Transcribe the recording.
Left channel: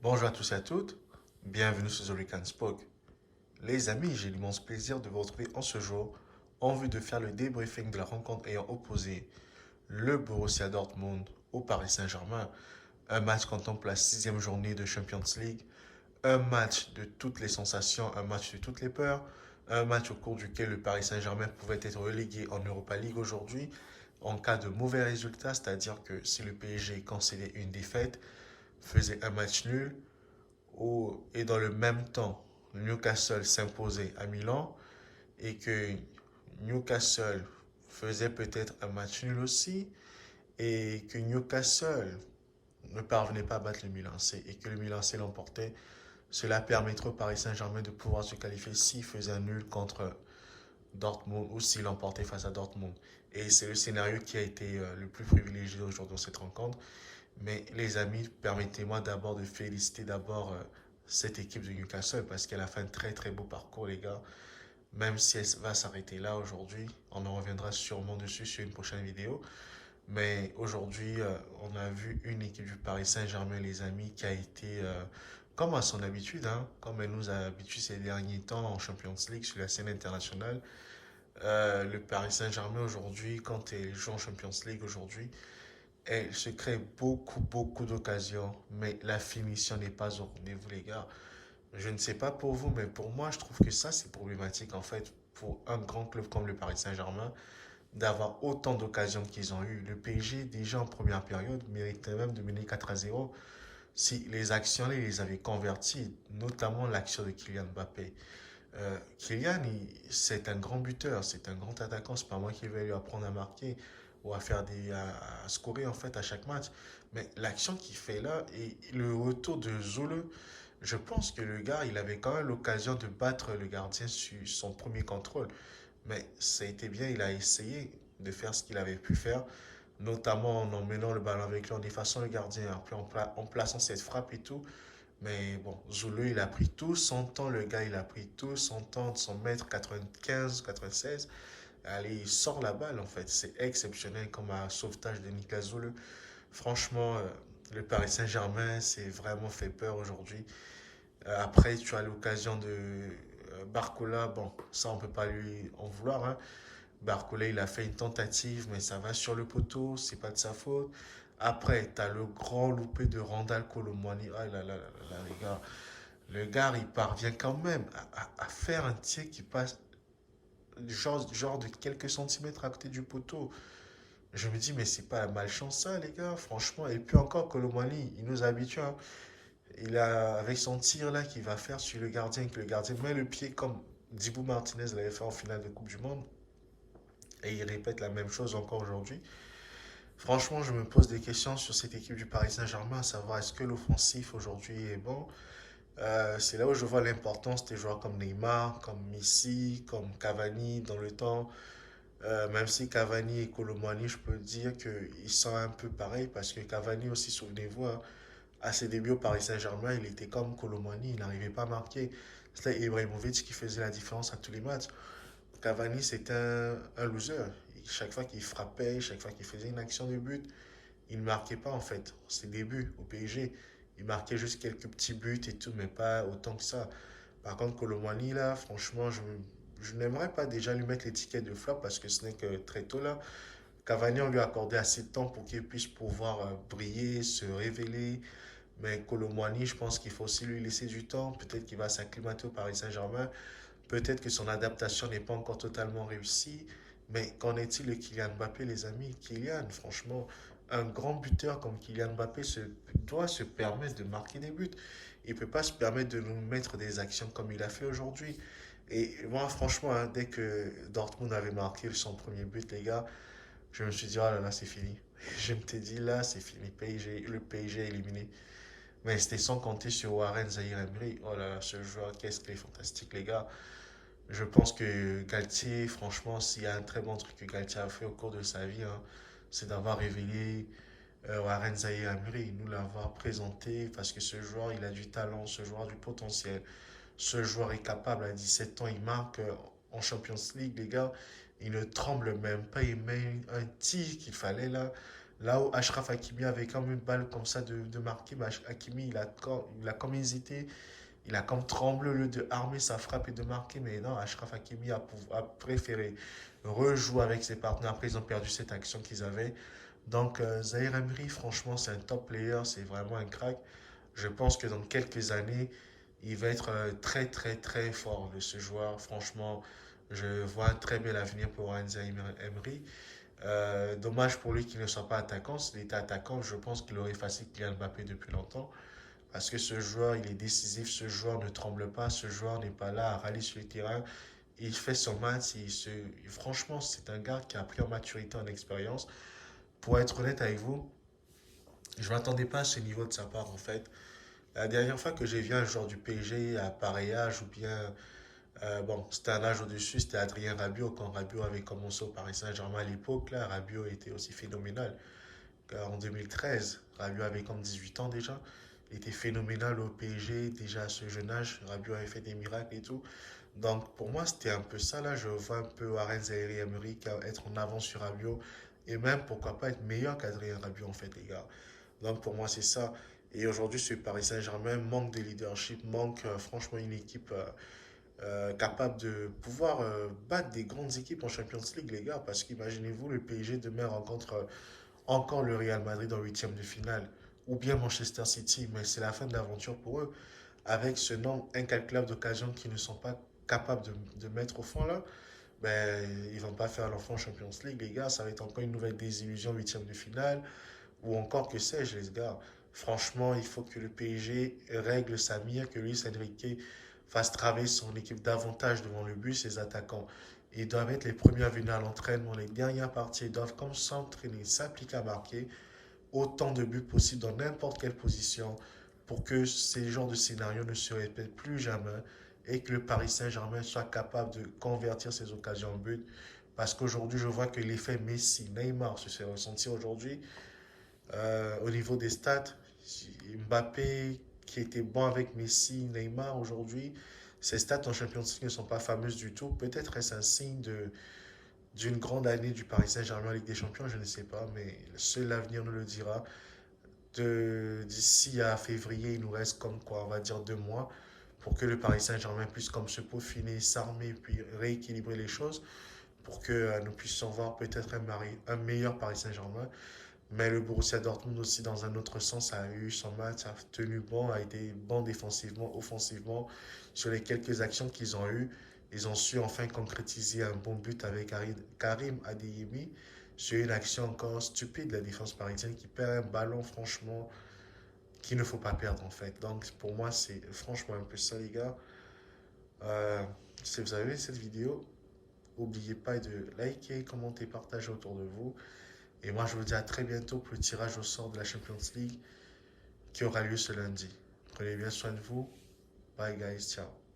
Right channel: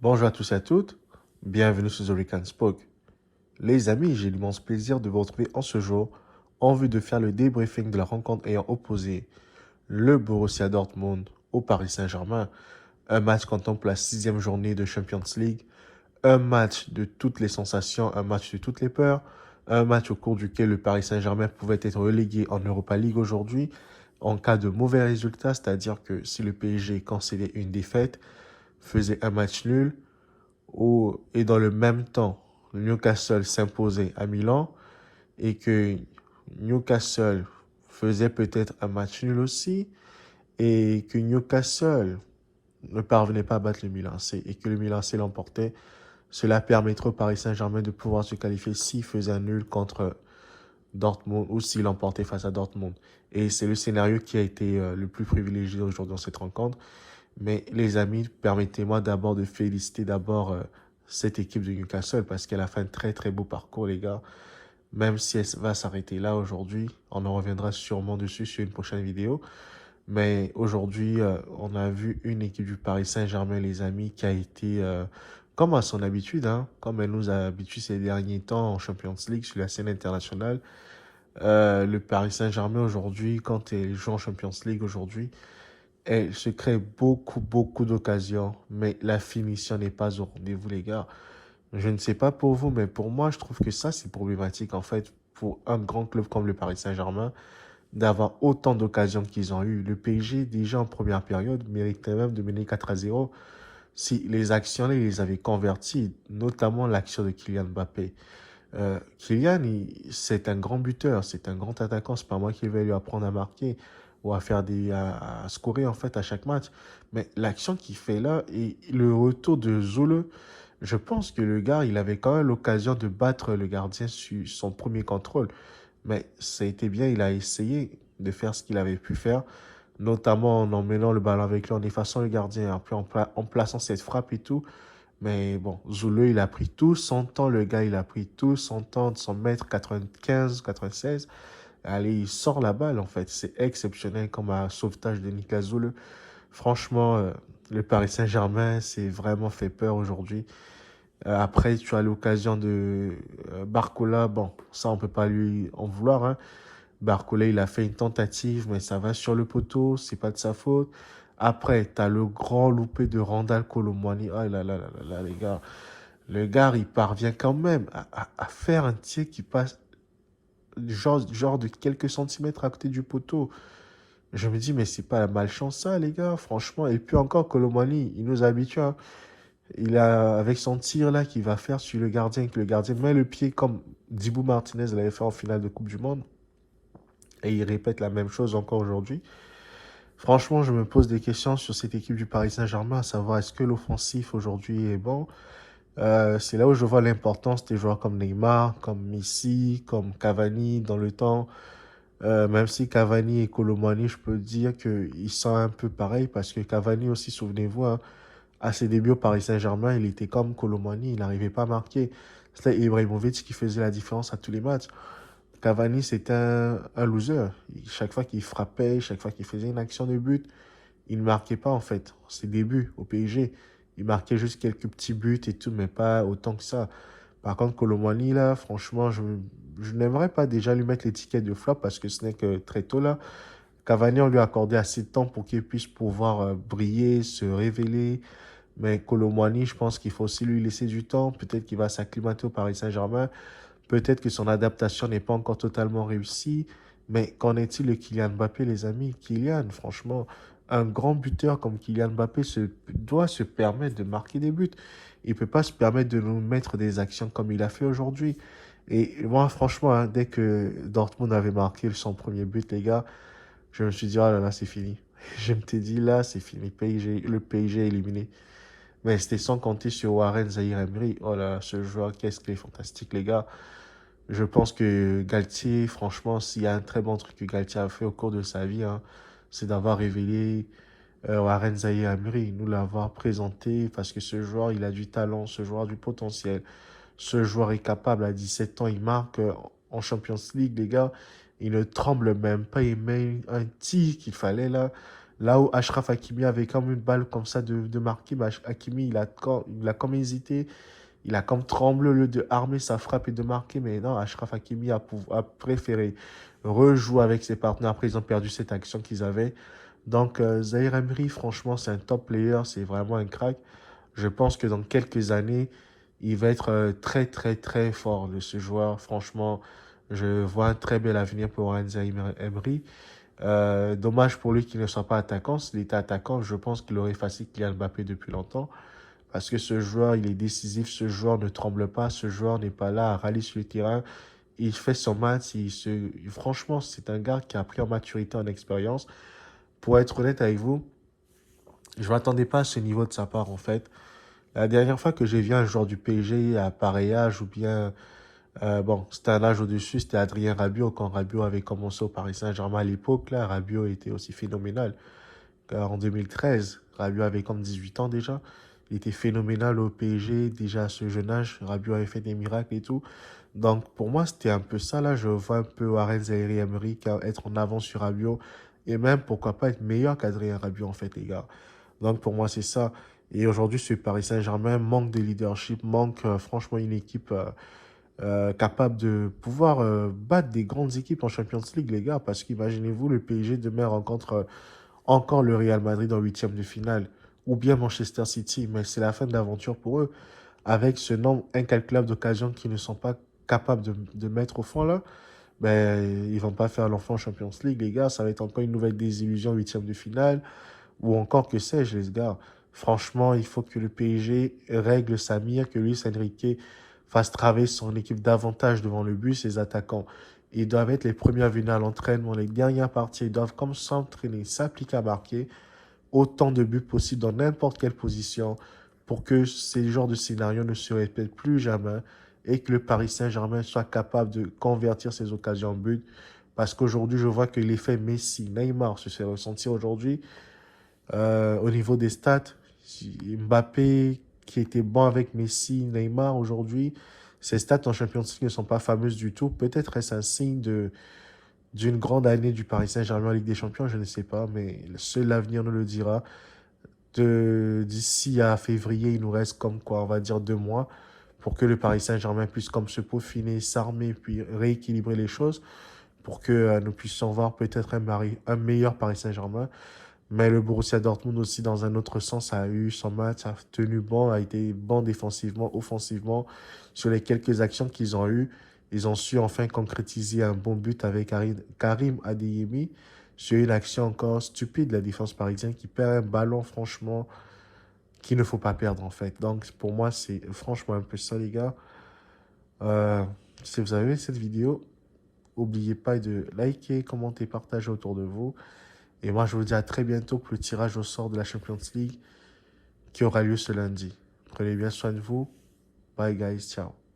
Bonjour à tous et à toutes, bienvenue sur The Rick and Spoke. Les amis, j'ai l'immense plaisir de vous retrouver en ce jour en vue de faire le débriefing de la rencontre ayant opposé le Borussia Dortmund au Paris Saint-Germain. Un match contemple la sixième journée de Champions League, un match de toutes les sensations, un match de toutes les peurs, un match au cours duquel le Paris Saint-Germain pouvait être relégué en Europa League aujourd'hui en cas de mauvais résultat, c'est-à-dire que si le PSG concédait une défaite, faisait un match nul, et dans le même temps, Newcastle s'imposait à Milan et que Newcastle faisait peut-être un match nul aussi et que Newcastle ne parvenait pas à battre le Milan C et que le Milan C l'emportait, cela permettrait au Paris Saint-Germain de pouvoir se qualifier s'il faisait un nul contre Dortmund ou s'il l'emportait face à Dortmund. Et c'est le scénario qui a été le plus privilégié aujourd'hui dans cette rencontre. Mais les amis, permettez-moi d'abord de féliciter cette équipe de Newcastle parce qu'elle a fait un très très beau parcours, les gars. Même si elle va s'arrêter là aujourd'hui, on en reviendra sûrement dessus sur une prochaine vidéo. Mais aujourd'hui, on a vu une équipe du Paris Saint-Germain, les amis, qui a été, comme à son habitude, hein, comme elle nous a habitués ces derniers temps en Champions League sur la scène internationale. Le Paris Saint-Germain aujourd'hui, quand elle joue en Champions League aujourd'hui, elle se crée beaucoup d'occasions, mais la finition n'est pas au rendez-vous, les gars. Je ne sais pas pour vous, mais pour moi, je trouve que ça, c'est problématique, en fait, pour un grand club comme le Paris Saint-Germain, d'avoir autant d'occasions qu'ils ont eu. Le PSG, déjà en première période, méritait même de mener 4-0 si les actions, ils les avaient converties, notamment l'action de Kylian Mbappé. Kylian, c'est un grand buteur, c'est un grand attaquant. C'est pas moi qui vais lui apprendre à marquer ou à scorer en fait à chaque match. Mais l'action qu'il fait là et le retour de Zule, je pense que le gars, il avait quand même l'occasion de battre le gardien sur son premier contrôle. Mais ça a été bien, il a essayé de faire ce qu'il avait pu faire, notamment en emmenant le ballon avec lui, en effaçant le gardien, après en plaçant cette frappe et tout. Mais bon, Zulu, il a pris tout son temps, le gars, il a pris tout son temps de son mètre 95, 96. Allez, il sort la balle, en fait. C'est exceptionnel comme un sauvetage de Nicolas Zulu. Franchement, le Paris Saint-Germain, c'est vraiment fait peur aujourd'hui. Après, tu as l'occasion de Barcola. Bon, ça, on peut pas lui en vouloir, hein. Barcola, il a fait une tentative, mais ça va sur le poteau, c'est pas de sa faute. Après, tu as le grand loupé de Randall Colomwani. Ah là là là là là, les gars. Le gars, il parvient quand même à faire un tir qui passe genre de quelques centimètres à côté du poteau. Je me dis, mais c'est pas la malchance ça, les gars, franchement. Et puis encore, Colomwani, il nous habitue, hein. Il a, avec son tir là qu'il va faire sur le gardien, que le gardien met le pied comme Dibou Martinez l'avait fait en finale de Coupe du Monde. Et il répète la même chose encore aujourd'hui. Franchement, je me pose des questions sur cette équipe du Paris Saint-Germain, à savoir est-ce que l'offensif aujourd'hui est bon. C'est là où je vois l'importance des joueurs comme Neymar, comme Messi, comme Cavani dans le temps. Même si Cavani et Colomani, je peux dire qu'ils sont un peu pareils parce que Cavani aussi, souvenez-vous, hein, à ses débuts au Paris Saint-Germain, il était comme Colomani, il n'arrivait pas à marquer. C'était Ibrahimovic qui faisait la différence à tous les matchs. Cavani, c'était un loser. Chaque fois qu'il frappait, chaque fois qu'il faisait une action de but, il ne marquait pas en fait. Ses débuts au PSG, il marquait juste quelques petits buts et tout, mais pas autant que ça. Par contre, Colomani, là, franchement, je n'aimerais pas déjà lui mettre l'étiquette de flop parce que ce n'est que très tôt là. Cavani, on lui a accordé assez de temps pour qu'il puisse pouvoir briller, se révéler. Mais Colomani, je pense qu'il faut aussi lui laisser du temps. Peut-être qu'il va s'acclimater au Paris Saint-Germain. Peut-être que son adaptation n'est pas encore totalement réussie, mais qu'en est-il de Kylian Mbappé, les amis? Kylian, franchement, un grand buteur comme Kylian Mbappé doit se permettre de marquer des buts. Il ne peut pas se permettre de nous mettre des actions comme il a fait aujourd'hui. Et moi, franchement, hein, dès que Dortmund avait marqué son premier but, les gars, je me suis dit, ah là là, c'est fini. Je me t'ai dit, là, c'est fini. Le PSG est éliminé. Mais c'était sans compter sur Warren Zahir Emery. Oh là là, ce joueur, qu'est-ce qu'il est fantastique, les gars. Je pense que Galtier, franchement, s'il y a un très bon truc que Galtier a fait au cours de sa vie, hein, c'est d'avoir révélé Warren Zahir Emery, nous l'avoir présenté parce que ce joueur, il a du talent, ce joueur a du potentiel. Ce joueur est capable, à 17 ans, il marque en Champions League, les gars. Il ne tremble même pas, il met un tir qu'il fallait là. Là où Achraf Hakimi avait comme une balle comme ça de marquer, mais Hakimi, il a comme hésité. Il a comme tremblé au lieu de armer sa frappe et de marquer. Mais non, Achraf Hakimi a préféré rejouer avec ses partenaires. Après, ils ont perdu cette action qu'ils avaient. Donc, Zahir Emery, franchement, c'est un top player. C'est vraiment un crack. Je pense que dans quelques années, il va être très, très, très fort de ce joueur. Franchement, je vois un très bel avenir pour Zahir Emery. Dommage pour lui qu'il ne soit pas attaquant. S'il était attaquant, je pense qu'il aurait effacé Kylian Mbappé depuis longtemps. Parce que ce joueur, il est décisif, ce joueur ne tremble pas, ce joueur n'est pas là à râler sur le terrain. Il fait son match, franchement, c'est un gars qui a pris en maturité, en expérience. Pour être honnête avec vous, je ne m'attendais pas à ce niveau de sa part, en fait. La dernière fois que j'ai vu un joueur du PSG à pareil âge, ou bien, bon, c'était un âge au-dessus, c'était Adrien Rabiot, quand Rabiot avait commencé au Paris Saint-Germain à l'époque, là, Rabiot était aussi phénoménal. En 2013, Rabiot avait comme 18 ans déjà. Il était phénoménal au PSG, déjà à ce jeune âge. Rabiot avait fait des miracles et tout. Donc pour moi, c'était un peu ça. Là, je vois un peu Warren Zaïre Emery être en avance sur Rabiot. Et même, pourquoi pas, être meilleur qu'Adrien Rabiot, en fait, les gars. Donc pour moi, c'est ça. Et aujourd'hui, ce Paris Saint-Germain manque de leadership, manque franchement une équipe capable de pouvoir battre des grandes équipes en Champions League, les gars. Parce qu'imaginez-vous, le PSG demain rencontre encore le Real Madrid en huitième de finale, ou bien Manchester City, mais c'est la fin de l'aventure pour eux. Avec ce nombre incalculable d'occasions qu'ils ne sont pas capables de mettre au fond là, ben, ils vont pas faire l'enfant en Champions League, les gars. Ça va être encore une nouvelle désillusion, huitième de finale, ou encore que sais-je, les gars. Franchement, il faut que le PSG règle sa mire, que Luis Enrique fasse travailler son équipe davantage devant le but, ses attaquants. Ils doivent être les premiers à venir à l'entraînement. Les dernières parties, ils doivent comme s'entraîner, s'appliquer à marquer autant de buts possible dans n'importe quelle position pour que ces genres de scénarios ne se répètent plus jamais et que le Paris Saint-Germain soit capable de convertir ces occasions en but. Parce qu'aujourd'hui, je vois que l'effet Messi, Neymar se fait ressentir aujourd'hui au niveau des stats. Mbappé, qui était bon avec Messi, Neymar aujourd'hui, ses stats en Champions League ne sont pas fameuses du tout. Peut-être est-ce un signe d'une grande année du Paris Saint-Germain en Ligue des Champions, je ne sais pas, mais seul l'avenir nous le dira. D'ici à février, il nous reste comme quoi, on va dire 2 mois, pour que le Paris Saint-Germain puisse comme se peaufiner, s'armer, puis rééquilibrer les choses, pour que nous puissions voir peut-être un meilleur Paris Saint-Germain. Mais le Borussia Dortmund aussi, dans un autre sens, a eu son match, a tenu bon, a été bon défensivement, offensivement. Sur les quelques actions qu'ils ont eues, ils ont su enfin concrétiser un bon but avec Karim Adeyemi sur une action encore stupide de la défense parisienne qui perd un ballon, franchement, qu'il ne faut pas perdre en fait. Donc pour moi, c'est franchement un peu ça, les gars. Si vous avez aimé cette vidéo, n'oubliez pas de liker, commenter, partager autour de vous. Et moi, je vous dis à très bientôt pour le tirage au sort de la Champions League qui aura lieu ce lundi. Prenez bien soin de vous. Bye guys, ciao.